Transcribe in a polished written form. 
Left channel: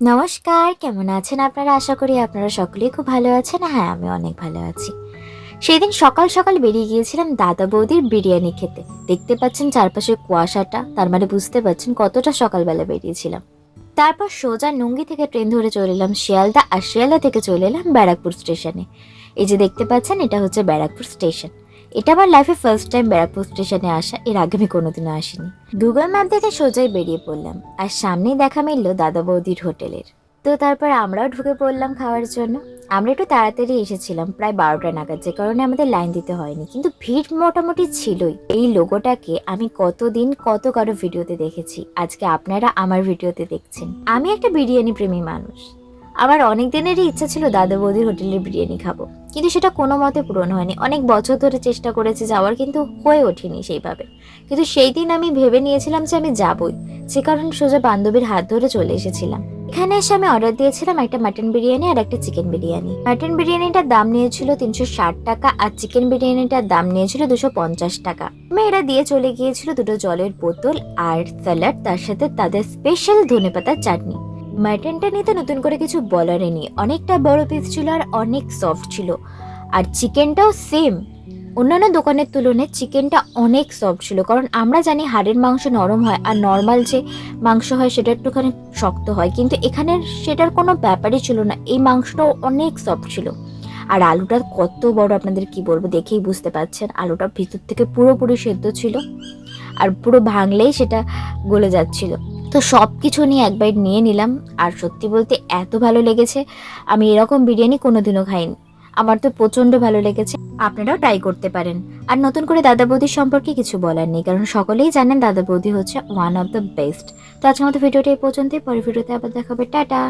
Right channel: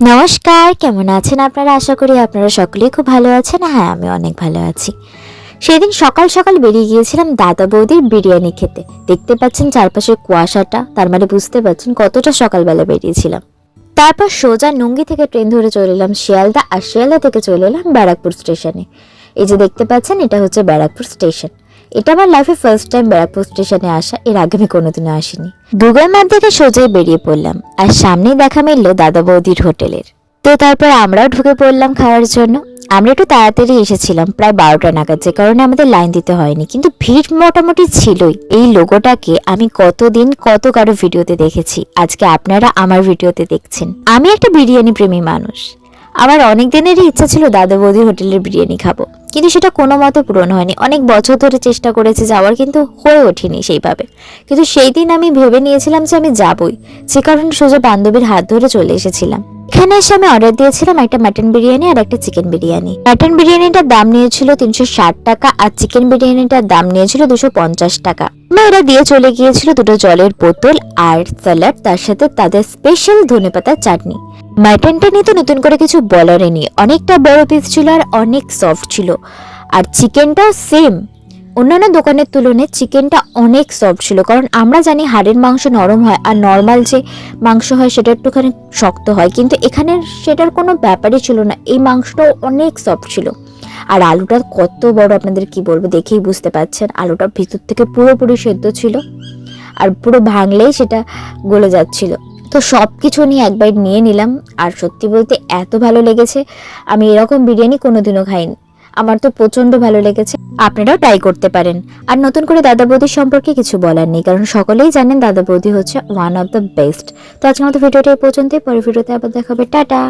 নমস্কার, কেমন আছেন আপনারা? আশা করি আপনারা সকলেই খুব ভালো আছেন। হ্যাঁ, আমি অনেক ভালো আছি। সেদিন সকাল সকাল বেরিয়ে গিয়েছিলাম দাদা বৌদির বিরিয়ানি খেতে। দেখতে পাচ্ছেন চারপাশে কুয়াশাটা, তার মানে বুঝতে পারছেন কতটা সকালবেলা বেরিয়েছিলাম। তারপর সোজা নুঙ্গি থেকে ট্রেন ধরে চলে এলাম শিয়ালদা, আর শিয়ালদা থেকে চলে এলাম ব্যারাকপুর স্টেশনে। এই যে দেখতে পাচ্ছেন, এটা হচ্ছে ব্যারাকপুর স্টেশন। এটা আমার লাইফে ফার্স্ট টাইম ব্যারাকপুর স্টেশনে আসা, এর আগে আমি কোনোদিনও আসিনি। গুগল ম্যাপ দেখে সোজাই বেরিয়ে পড়লাম, আর সামনেই দেখা মিলল দাদা বৌদির হোটেলের। তো তারপর আমরাও ঢুকে পড়লাম খাওয়ার জন্য। আমরা একটু তাড়াতাড়ি এসেছিলাম, প্রায় 12টা নাগাদ, যে কারণে আমাদের লাইন দিতে হয়নি, কিন্তু ভিড় মোটামুটি ছিলই। এই লোগোটাকে আমি কতদিন কত কারো ভিডিওতে দেখেছি, আজকে আপনারা আমার ভিডিওতে দেখছেন। আমি একটা বিরিয়ানি প্রেমী মানুষ। আমার অনেক দিনেরই ইচ্ছা ছিল দাদা বৌদির হোটেলের বিরিয়ানি খাবো, কিন্তু সেটা কোনো মতে পূরণ হয়নি। অনেক বছর ধরে চেষ্টা করেছি যাওয়ার, কিন্তু হয়ে ওঠেনি সেইভাবে। কিন্তু সেই দিন আমি ভেবে নিয়েছিলাম যে আমি যাবই, যে কারণে সোজা বান্ধবীর হাত ধরে চলে এসেছিলাম। এখানে এসে আমি অর্ডার দিয়েছিলাম একটা মাটন বিরিয়ানি আর একটা চিকেন বিরিয়ানি। মাটন বিরিয়ানিটার দাম নিয়েছিল 360 টাকা, আর চিকেন বিরিয়ানিটার দাম নিয়েছিল 250 টাকা। ওরা দিয়ে চলে গিয়েছিল দুটো জলের বোতল আর স্যালাড, তার সাথে তাদের স্পেশাল ধনেপাতার চাটনি। মাটনটা নিয়ে তো নতুন করে কিছু বলারই নেই, অনেকটা বড় পিস ছিল আর অনেক সফট ছিল। আর চিকেনটাও সেম, অন্যান্য দোকানের তুলনায় চিকেনটা অনেক সফট ছিল, কারণ আমরা জানি হাড়ের মাংস নরম হয় আর নর্মাল যে মাংস হয় সেটা একটুখানি শক্ত হয়, কিন্তু এখানে সেটার কোনো ব্যাপারই ছিল না। এই মাংসটাও অনেক সফট ছিল। আর আলুটা কত বড় আপনাদের কি বলবো, দেখেই বুঝতে পারছেন। আলুটা ভিতর থেকে পুরোপুরি সেদ্ধ ছিল, আর পুরো ভাঙলেই সেটা গলে যাচ্ছিল। তো সব কিছু নিয়ে এক বাইট নিয়ে নিলাম, আর সত্যি বলতে এত ভালো লেগেছে, আমি এরকম বিরিয়ানি কোনোদিনও খাইনি। আমার তো প্রচন্ড ভালো লেগেছে, আপনারাও ট্রাই করতে পারেন। আর নতুন করে দাদা বৌদির সম্পর্কে কিছু বলার নেই, কারণ সকলেই জানেন দাদা বৌদি হচ্ছে ওয়ান অফ দ্য বেস্ট। তো আজকের মতো ভিডিওটা এই পর্যন্তই, পরের ভিডিওতে আবার দেখাবে। টাটা।